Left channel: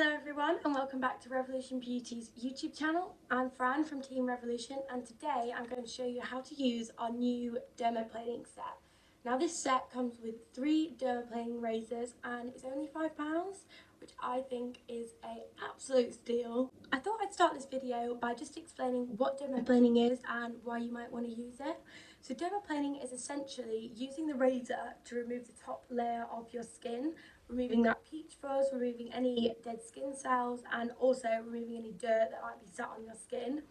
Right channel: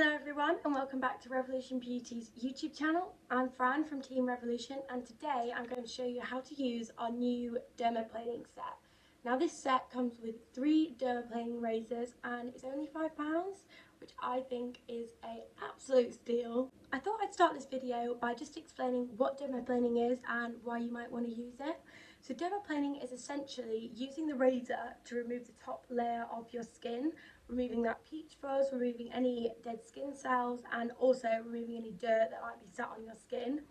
Hello everyone and welcome back to Revolution Beauty's YouTube channel. I'm Fran from Team Revolution and today I'm going to show you how to use our new dermaplaning set. Now this set comes with 3 dermaplaning razors and it's only £5, which I think is an absolute steal. I thought I'd start this video by just explaining what dermaplaning is and why you might want to use it. So dermaplaning is essentially using the razor to remove the top layer of your skin, removing that peach fuzz, removing any dead skin cells, and also removing any dirt that might be sat on your skin.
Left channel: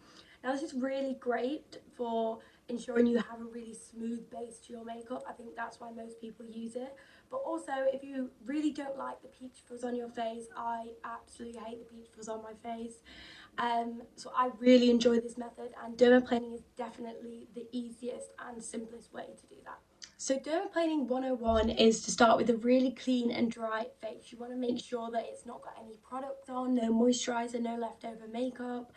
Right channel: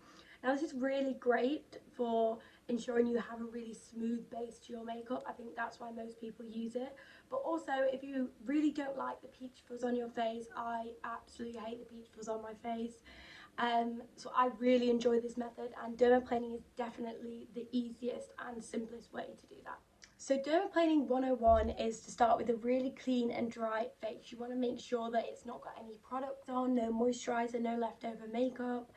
Now this is really great for ensuring you have a really smooth base to your makeup. I think that's why most people use it. But also if you really don't like the peach fuzz on your face, I absolutely hate the peach fuzz on my face. So I really enjoy this method, and dermaplaning is definitely the easiest and simplest way to do that. So dermaplaning 101 is to start with a really clean and dry face. You want to make sure that it's not got any product on, no moisturiser, no leftover makeup.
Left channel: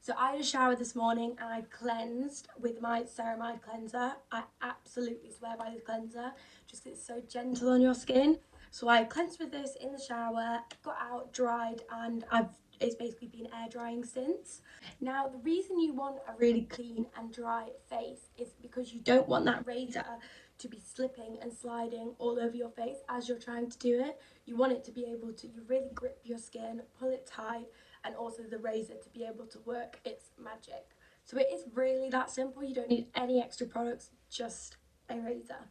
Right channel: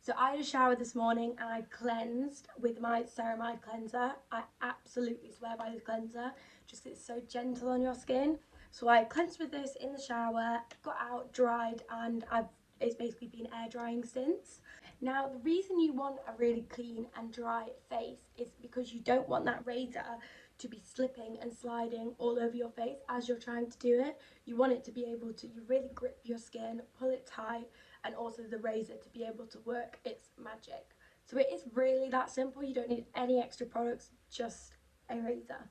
So I had a shower this morning and I cleansed with my ceramide cleanser. I absolutely swear by this cleanser just because it's so gentle on your skin. So I cleansed with this in the shower, got out, dried, and it's basically been air drying since. Now the reason you want a really clean and dry face is because you don't want that razor to be slipping and sliding all over your face as you're trying to do it. You want it to be able to really grip your skin, pull it tight, and also the razor to be able to work its magic. So it is really that simple. You don't need any extra products, just a razor.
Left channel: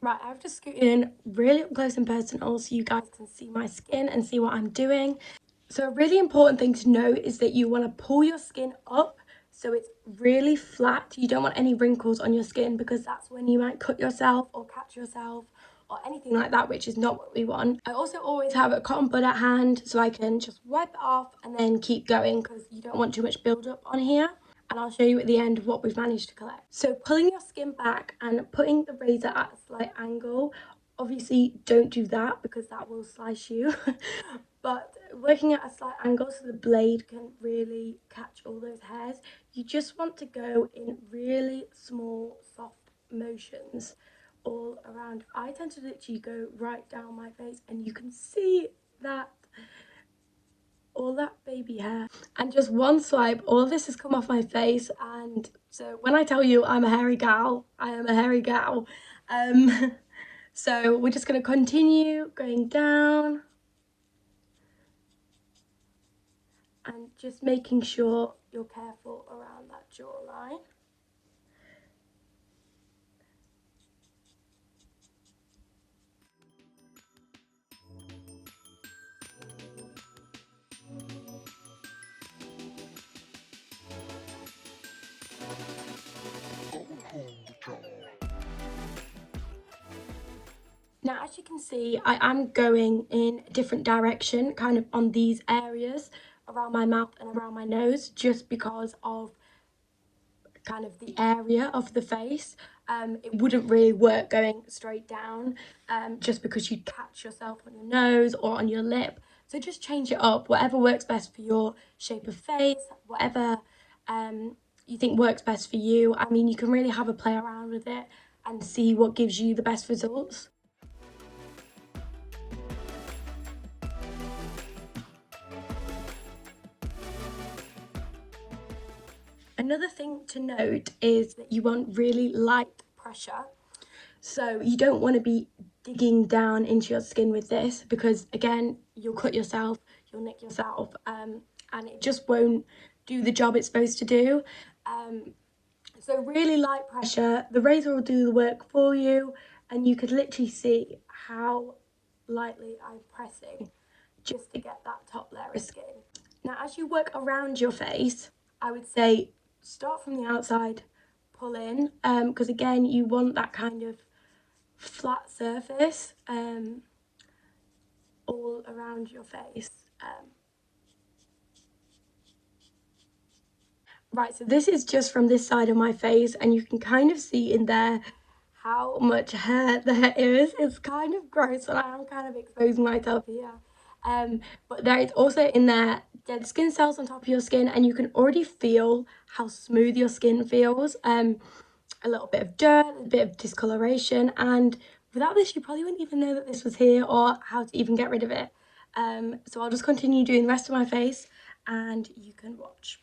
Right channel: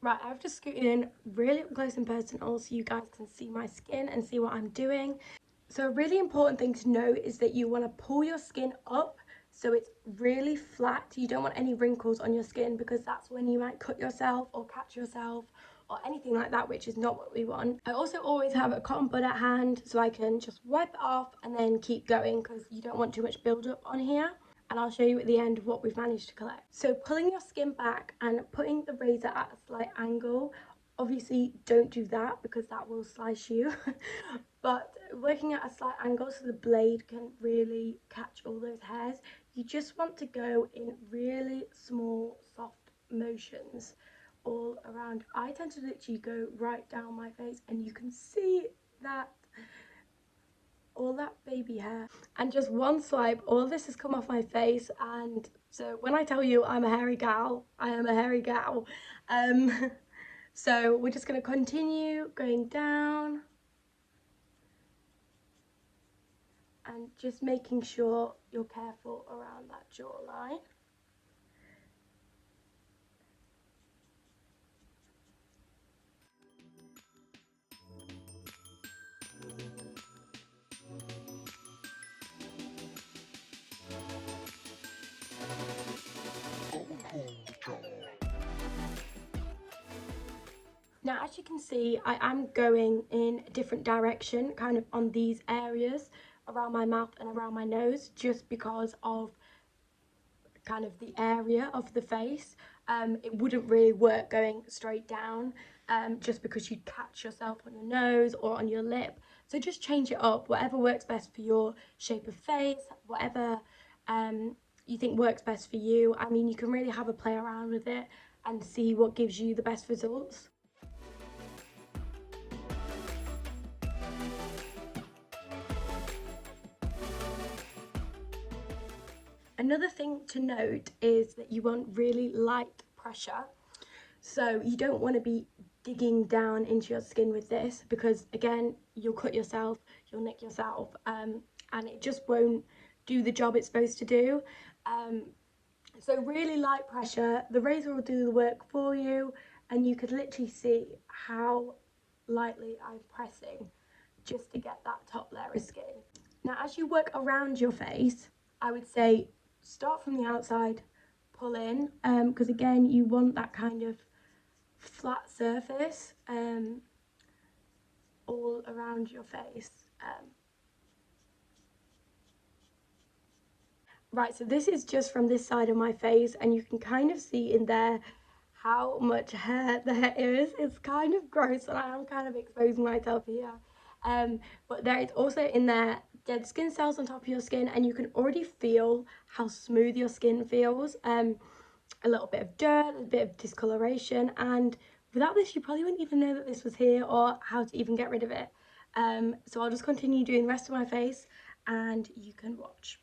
Right, I've just scooted in really up close and personal so you guys can see my skin and see what I'm doing. So a really important thing to note is that you want to pull your skin up so it's really flat. You don't want any wrinkles on your skin because that's when you might cut yourself or catch yourself or anything like that, which is not what we want. I also always have a cotton bud at hand so I can just wipe it off and then keep going because you don't want too much build-up on here. And I'll show you at the end what we've managed to collect. So pulling your skin back and putting the razor at a slight angle. Obviously don't do that because that will slice you. But working at a slight angle so the blade can really catch all those hairs. You just want to go in really small, soft motions all around. I tend to literally go right down my face and you can see that all that baby hair, and just one swipe all of this has come off my face. And so when I tell you I'm a hairy gal, I am a hairy gal. So we're just going to continue going down and just making sure you're careful around that jawline. Now, as you can see, I am going in a different direction, kind of on these areas around my mouth and around my nose, just because of kind of the area of the face. It wouldn't really work going straight down, just because you'd catch yourself on your nose or on your lip. So just change it up, whatever works best for your shape of face, whatever you think works best for you. I mean, you can really have a play around with it and see what gives you the best results. Another thing to note is that you want really light pressure. So you don't want to be digging down into your skin with this because, again, you'll cut yourself, you'll nick yourself, and it just won't do the job it's supposed to do. So really light pressure, the razor will do the work for you, and you could literally see how lightly I'm pressing just to get that top layer of skin. Now, as you work around your face, I would say start from the outside, pull in, because again, you want that kind of flat surface all around your face. Right, so this is just from this side of my face, and you can kind of see in there how much hair there is. It's kind of gross, and I am kind of exposing myself here. But there is also in there dead skin cells on top of your skin, and you can already feel how smooth your skin feels. A little bit of dirt, a bit of discoloration, and without this you probably wouldn't even know that this was here or how to even get rid of it. So I'll just continue doing the rest of my face and you can watch.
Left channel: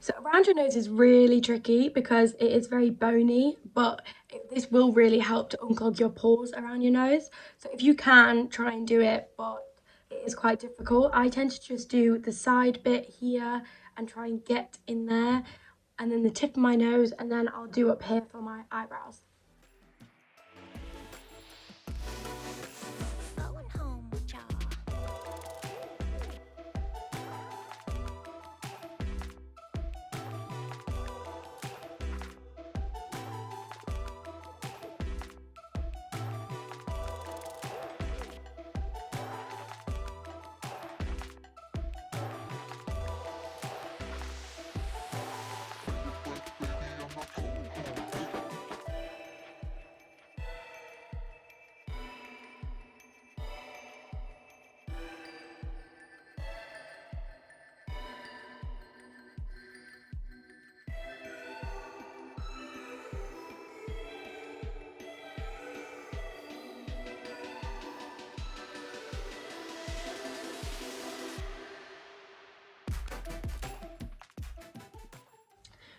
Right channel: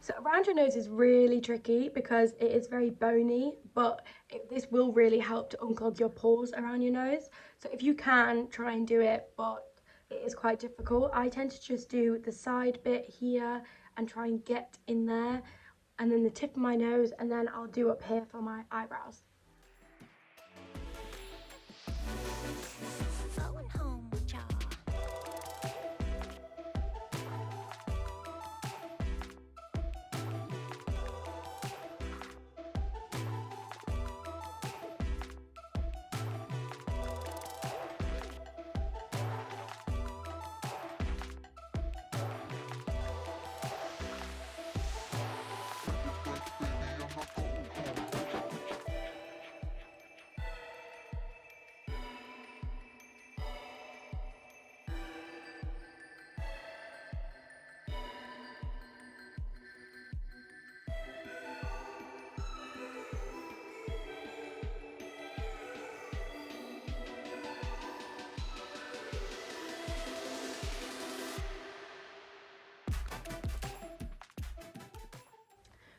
So around your nose is really tricky because it is very bony, but this will really help to unclog your pores around your nose. So if you can, try and do it, but it is quite difficult. I tend to just do the side bit here and try and get in there, and then the tip of my nose, and then I'll do up here for my eyebrows.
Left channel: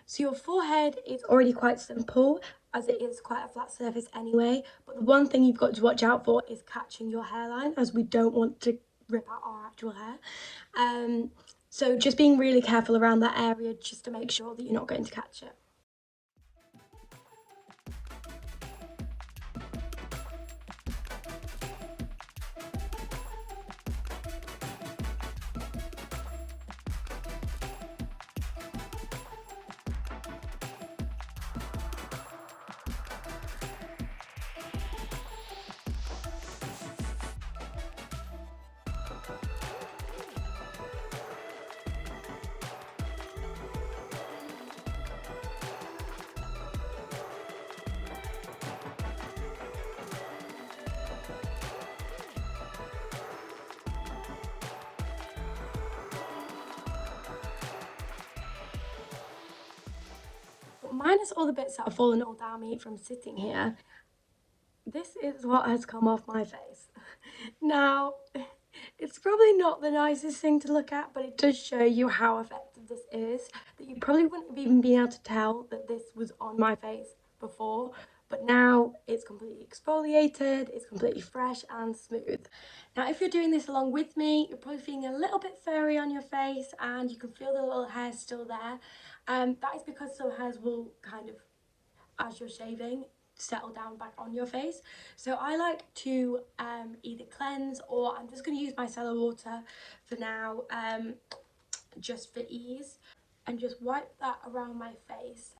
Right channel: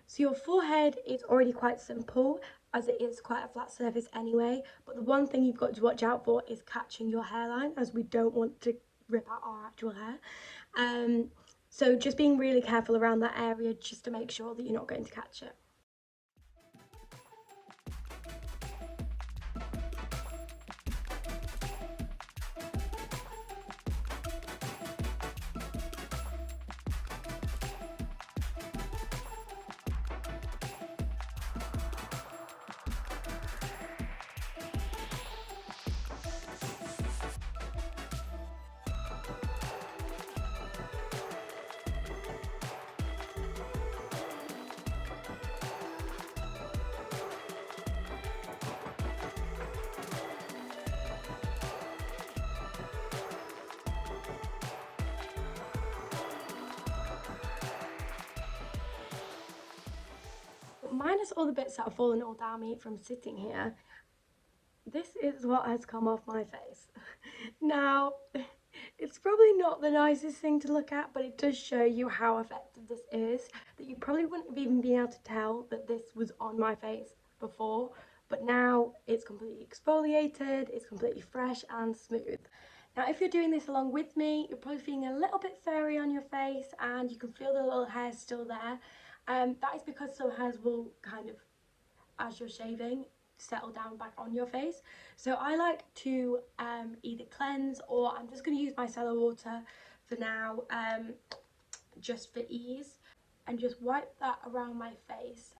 So your forehead is already quite simple, as it is quite a flat surface anyway, but the one thing you've got to watch out for is catching your hairline, as we don't want to rip out our actual hair. So just being really careful around that area just to make sure that you're not going to catch it. Minus all the bits that have fallen all down me from sitting here, this is what has come off my face. Now, it's probably not the nicest thing to look at, but it does show you how effective this is, that you probably wouldn't have even been able to tell that this was on my face before, but now it's completely exfoliated, it's completely fresh and smooth. Now, if you're doing this along with me, you're probably feeling a little bit furry on your face and you can feel the little hairs still there. That is because some hairs will kind of, as you're shaving, settle down back on your face. So I like to either cleanse, or I'm just going to use micellar water for now, just for ease, and just wipe that around my face.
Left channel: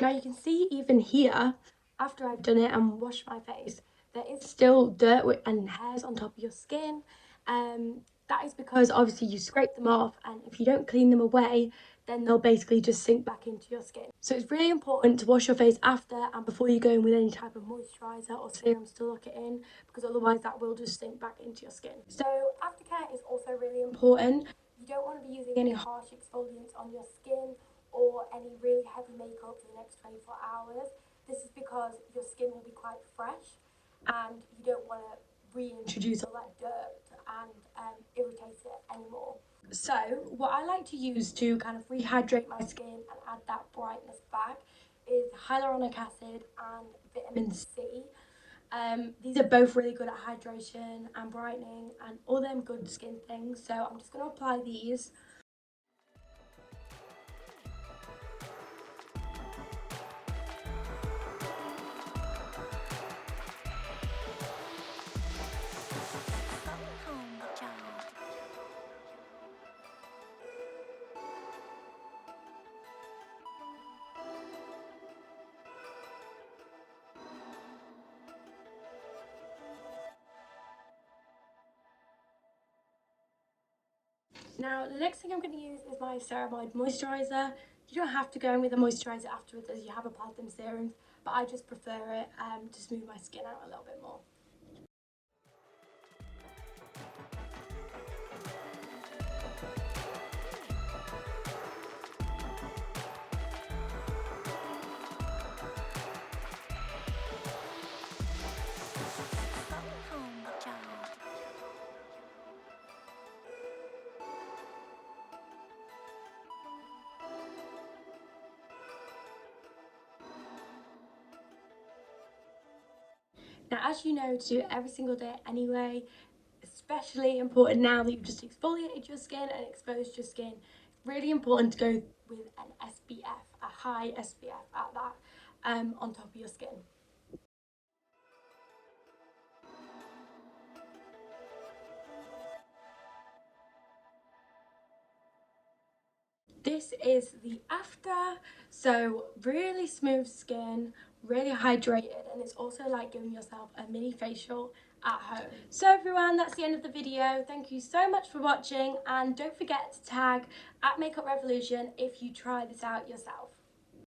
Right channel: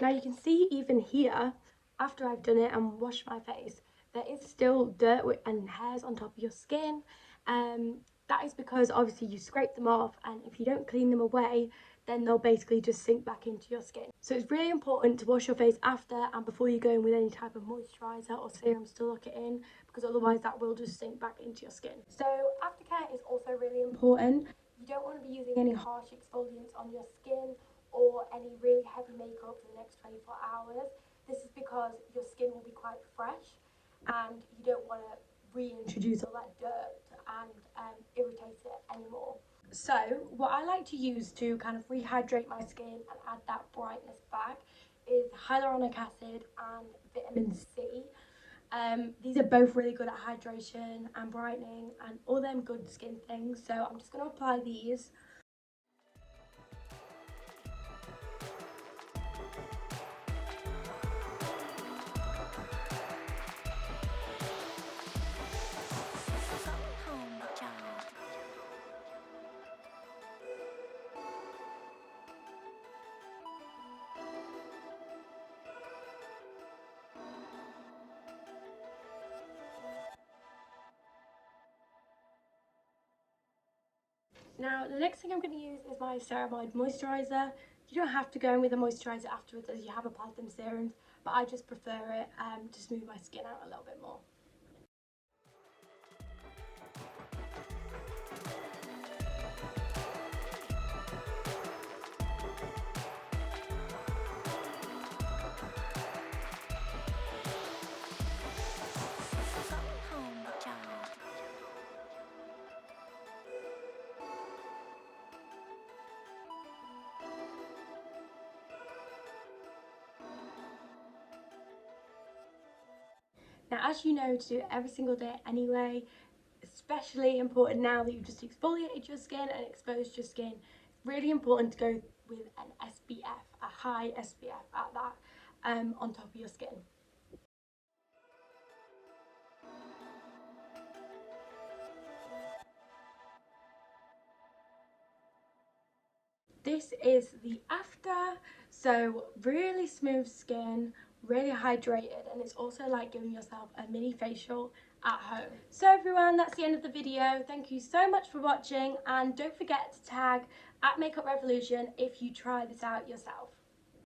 Now you can see even here, after I've done it and washed my face, there is still dirt and hairs on top of your skin. That is because obviously you scrape them off, and if you don't clean them away, then they'll basically just sink back into your skin. So it's really important to wash your face after and before you go in with any type of moisturiser or serums to lock it in, because otherwise that will just sink back into your skin. So aftercare is also really important. You don't want to be using any harsh exfoliants on your skin or any really heavy makeup for the next 24 hours. This is because your skin will be quite fresh and you don't want to reintroduce all that dirt and irritate it anymore. So what I like to use to kind of rehydrate my skin and add that brightness back is hyaluronic acid and vitamin C. These are both really good at hydration and brightening and all them good skin things. So I'm just going to apply these. Now the next thing I'm going to use is my ceramide moisturiser. You don't have to go in with a moisturiser afterwards as you have applied them serums, but I just prefer it to smooth my skin out a little bit more. Now, as you know, to do it every single day anyway, especially important now that you've just exfoliated your skin and exposed your skin, it's really important to go with an SPF, a high SPF at that, on top of your skin. This is the after, so really smooth skin, really hydrated, and it's also like giving yourself a mini facial at home. So everyone, that's the end of the video. Thank you so much for watching, and don't forget to tag @MakeupRevolution if you try this out yourself.